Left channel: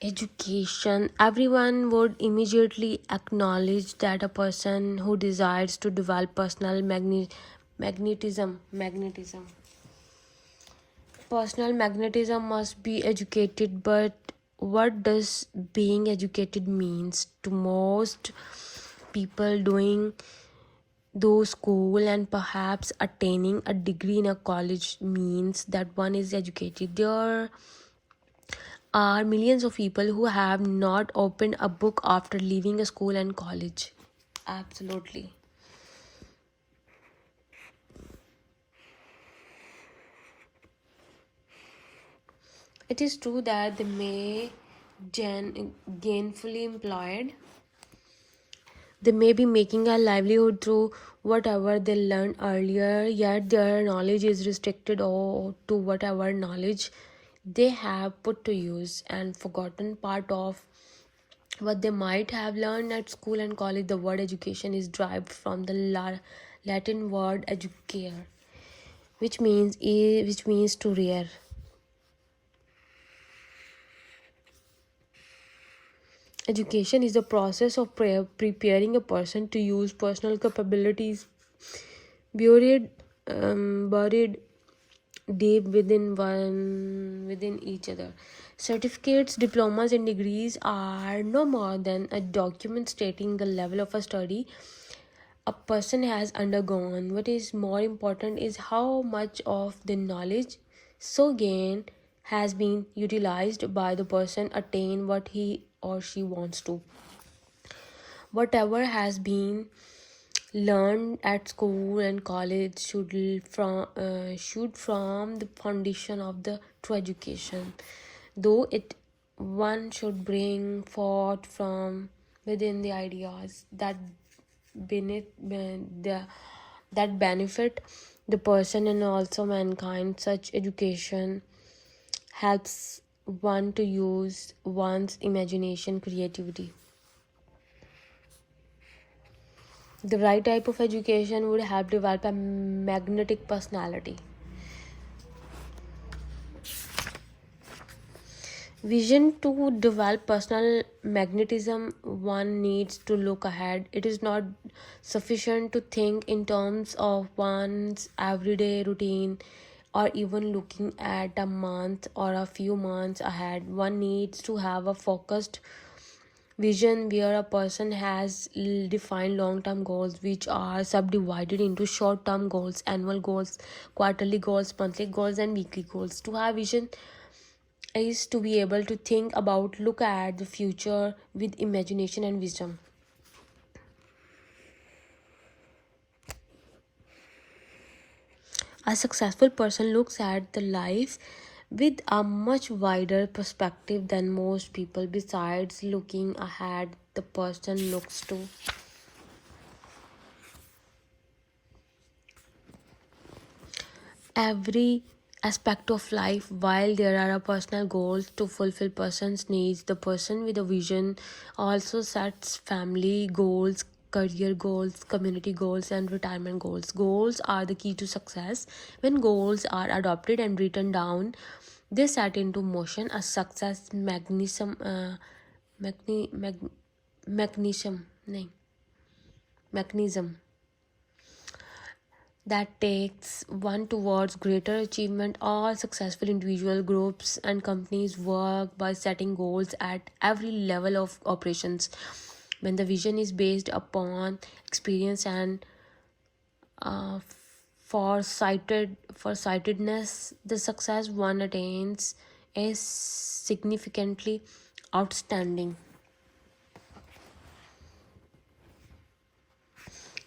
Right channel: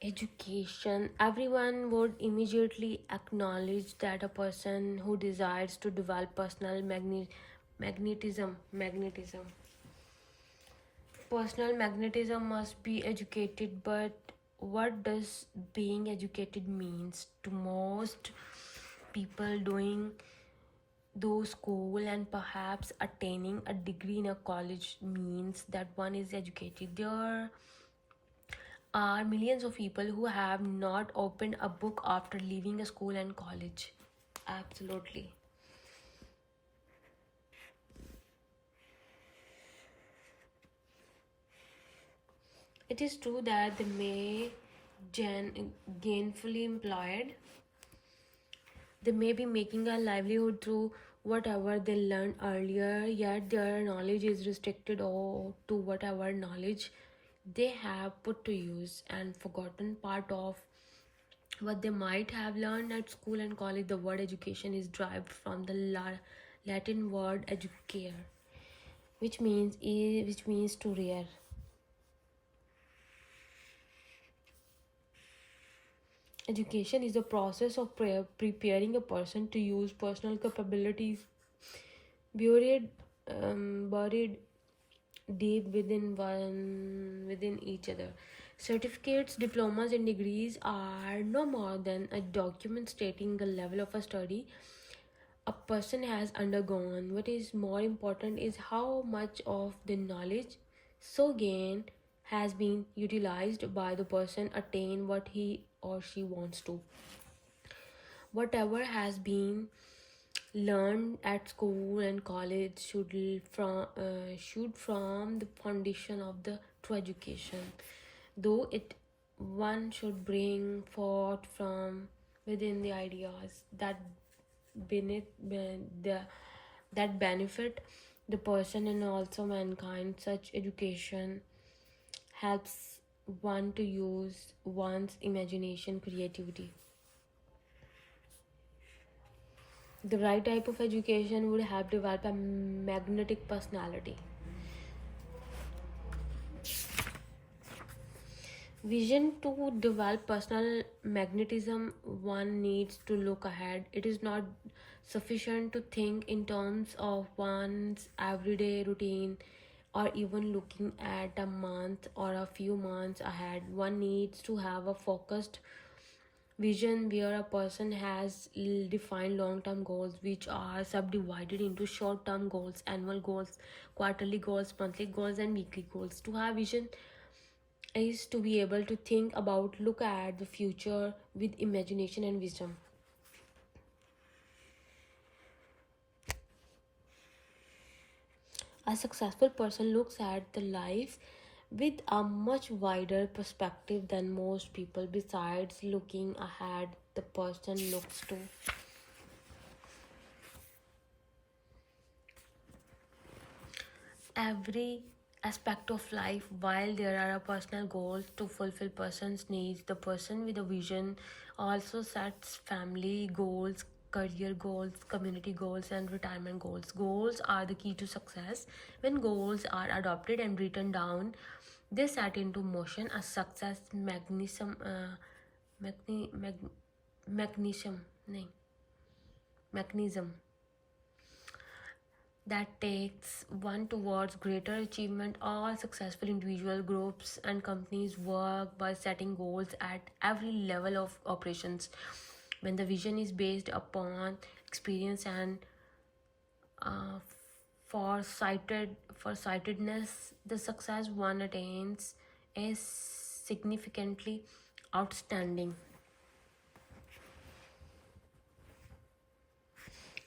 Education. Everyone would immediately acknowledge that a person who desires to develop personal magnetism must be educated. But what does being educated means to most people? Doing those school and perhaps attaining a degree in a college means that one is educated. There are millions of people who have not opened a book after leaving a school and college. Absolutely. It is true that they may gainfully employed. They may be making a livelihood through whatever they learned earlier, yet their knowledge is restricted to whatever knowledge they have put to use and forgotten part of what they might have learned at school and college. The word education is derived from the Latin word educare, which means to rear. Education is the process of preparing a person to use personal capabilities buried deep within each other. Certificates, diplomas, and degrees are no more than a document stating the level of a study a person has undergone. What is more important is how much of the knowledge so gained has been utilized by the person attain what he or she wants to. Whatever has been learned at school and college should from the foundation of the true education, though it one should bring forth from within the ideas that the that benefit the person and also mankind. Such education helps one to use one's imagination, creativity. The right type of education would help develop a magnetic personality. Vision. To develop personal magnetism, one needs to look ahead. It is not sufficient to think in terms of one's everyday routine or even looking at a month or a few months ahead. One needs to have a focused vision where a person has defined long-term goals which are subdivided into short-term goals, annual goals, quarterly goals, monthly goals, and weekly goals. To have vision is to be able to think about, look at the future with imagination and wisdom. A successful person looks at the life with a much wider perspective than most people. Besides looking ahead, the person looks to every aspect of life. While there are personal goals to fulfill person's needs, the person with a vision also sets family goals, career goals, community goals, and retirement goals. Goals are the key to success. When goals are adopted and written down, they set into motion a success magni, mag, mechanism nahi, mechanism that takes one towards greater achievement. All successful individual groups and companies work by setting goals at every level of operations. When the vision is based upon experience and uh, foresightedness, the success one attains is significantly outstanding.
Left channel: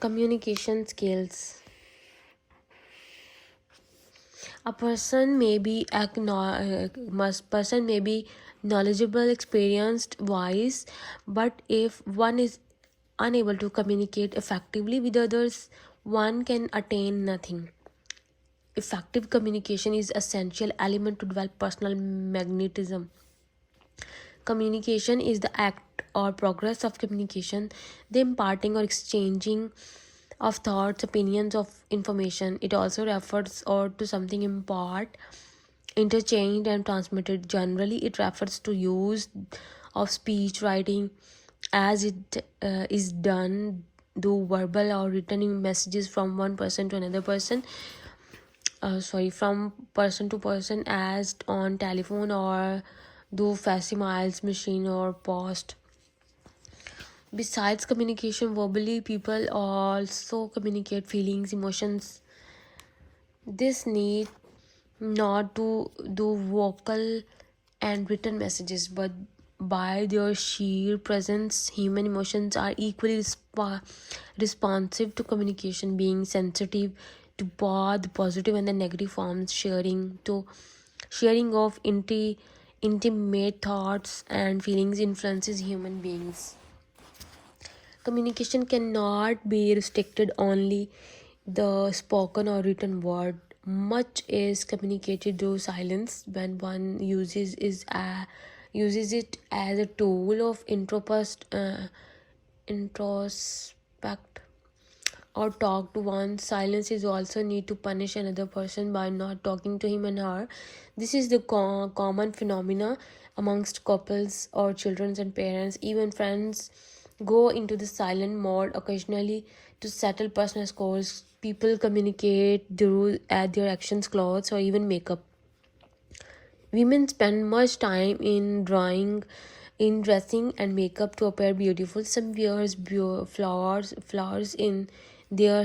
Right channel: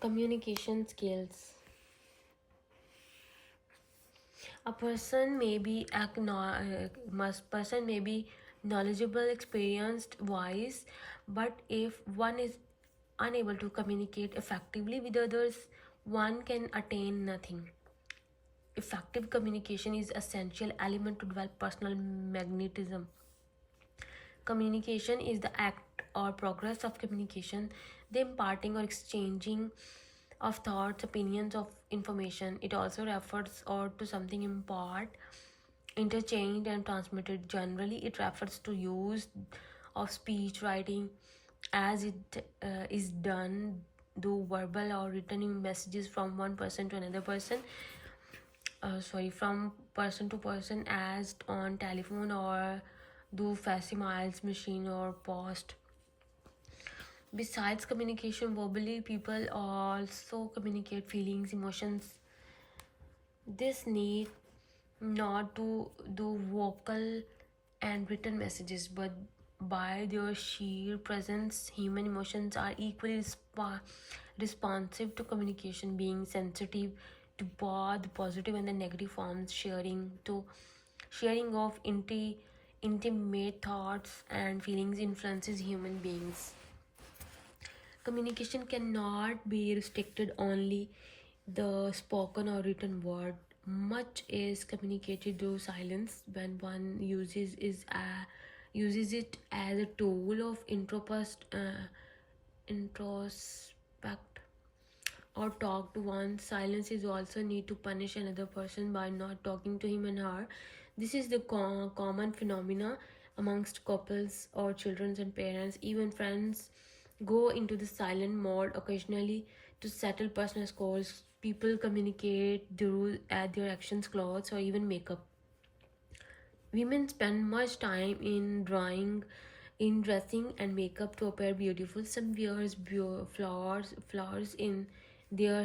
Communication skills. A person may be knowledgeable, experienced, wise, but if one is unable to communicate effectively with others, one can attain nothing. Effective communication is essential element to develop personal magnetism. Communication is the act or progress of communication, the imparting or exchanging of thoughts, opinions, of information. It also refers or to something impart interchanged and transmitted. Generally, it refers to use of speech writing as it is done do verbal or written messages from one person to another person, from person to person, as on telephone or do facsimiles machine or post. Besides communication verbally, people also communicate feelings, emotions. This need not to do vocal and written messages, but by their sheer presence, human emotions are equally responsive to communication, being sensitive to both the positive and the negative forms, sharing of intimate thoughts and feelings influences human beings. Communication cannot be restricted only the spoken or written word. Much is communicated through silence when one uses it as a tool of introspect or talk to one. Silence is also need to punish another person by not talking to him and her. This is the common phenomena amongst couples or children and parents. Even friends go into the silent mode occasionally to settle personal scores. People communicate through their actions, clothes, or even makeup. Women spend much time in dressing and makeup to appear beautiful. Some wears flowers in their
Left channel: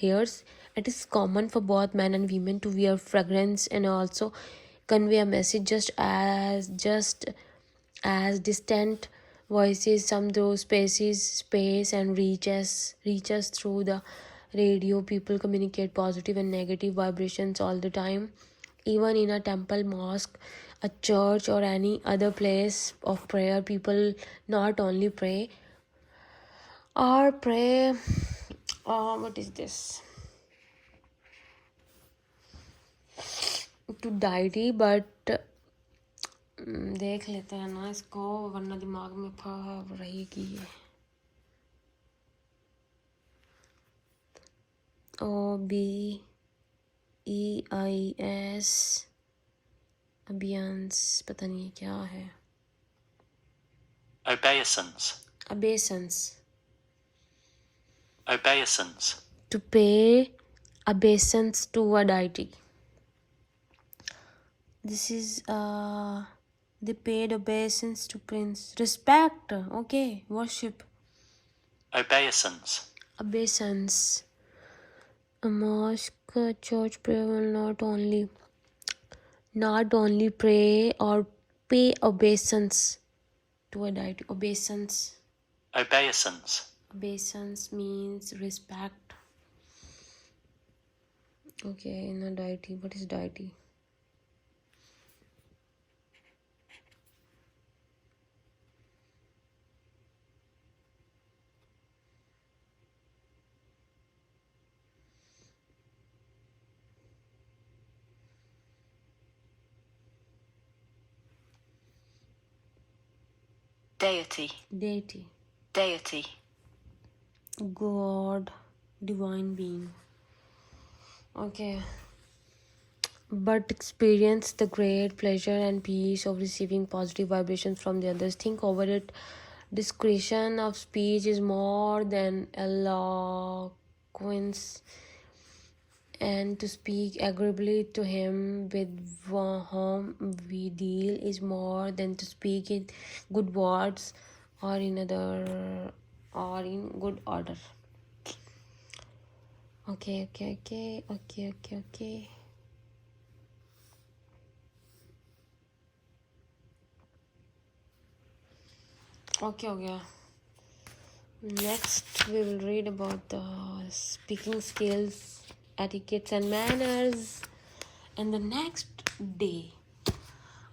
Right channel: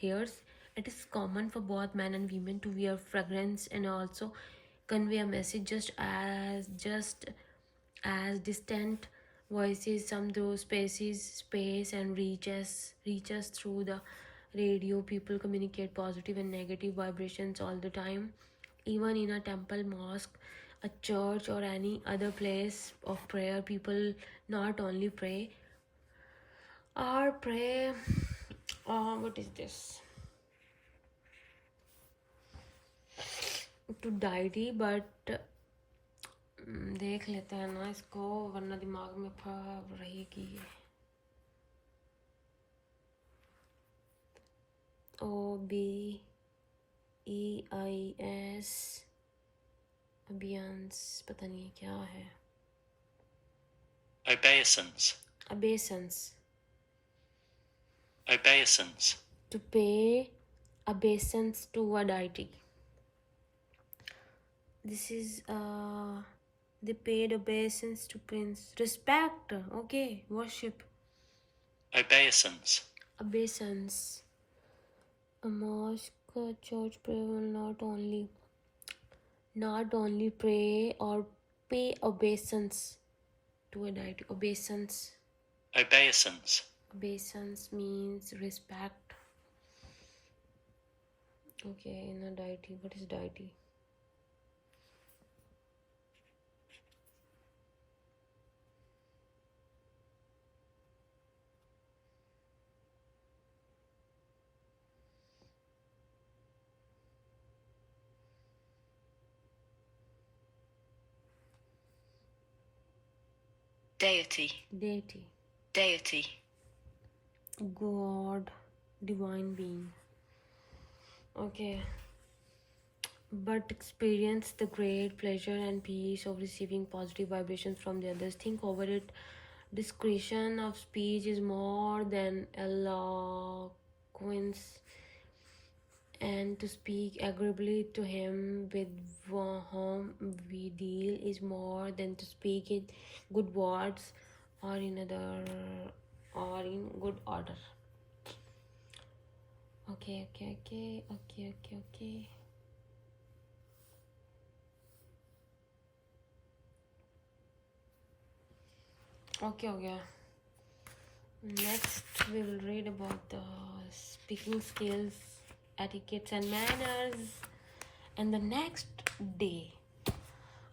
hairs. It is common for both men and women to wear fragrance and also convey a message, just as distant voices. Some through space and reaches through the radio. People communicate positive and negative vibrations all the time. Even in a temple, mosque, a church, or any other place of prayer, people not only pray, what is this, to deity, but देख लेते हैं ना इसको, वरना दिमाग में फंस रहेगी. OBEIS अबियंस, पता नहीं क्या है. Obeisance. To pay obeisance to a deity. This is they paid obeisance to prince. Respect. Okay. Worship. Obeisance. A mosque, church prayer will not only pray or pay obeisance to a deity. Obeisance means respect. Okay, no deity. What is deity? Deity. God, divine being. Okay. But experience the great pleasure and peace of receiving positive vibrations from the others. Think over it. Discretion of speech is more than eloquence, and to speak agreeably to him with whom we deal is more than to speak in good words or in good order. Okay. Okay, हो गया. Next, we will read about the speaking skills, etiquettes and manners, and the next day.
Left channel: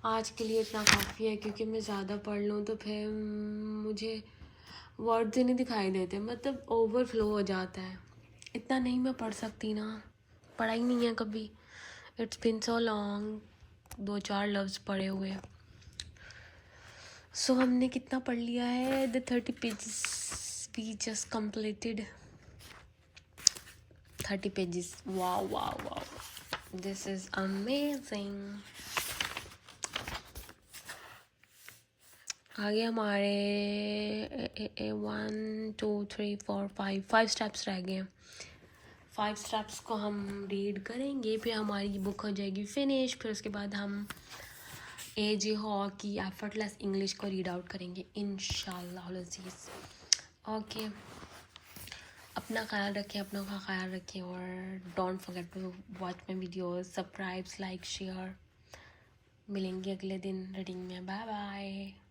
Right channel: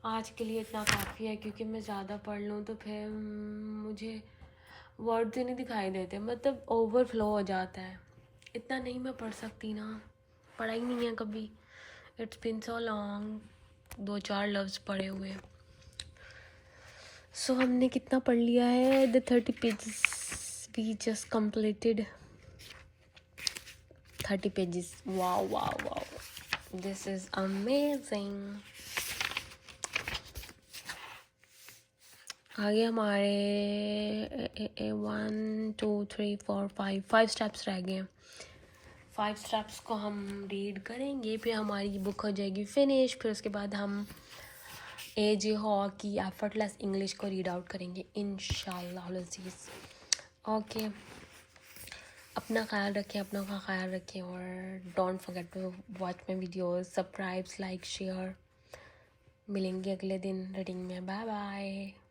आज के लिए इतना काफ़ी है, क्योंकि मैं ज़्यादा पढ़ लूँ तो फिर मुझे वर्ड्स ही नहीं दिखाई देते, मतलब ओवरफ्लो हो जाता है. इतना नहीं मैं पढ़ सकती ना, पढ़ा ही नहीं है कभी. It's been so long. 2-4 लफ्ज़ पढ़े हुए. सो हमने कितना पढ़ लिया है? The 30 pages we just completed. 30 pages. Wow. This is amazing. आगे हमारे 1 2 3 4 5 स्टेप्स रह गए हैं। 5 स्टेप्स को हम रीड करेंगे, फिर हमारी बुक हो जाएगी फिनिश। फिर उसके बाद हम एजे हॉ की एफर्टलेस इंग्लिश को रीड आउट करेंगे इंशाल्लाह अज़ीज़। ओके, अपना ख्याल रखें, अपनों का ख्याल रखें, और don't forget to watch my videos, subscribe, like, share. मिलेंगे अगले दिन रीडिंग में। Bye bye.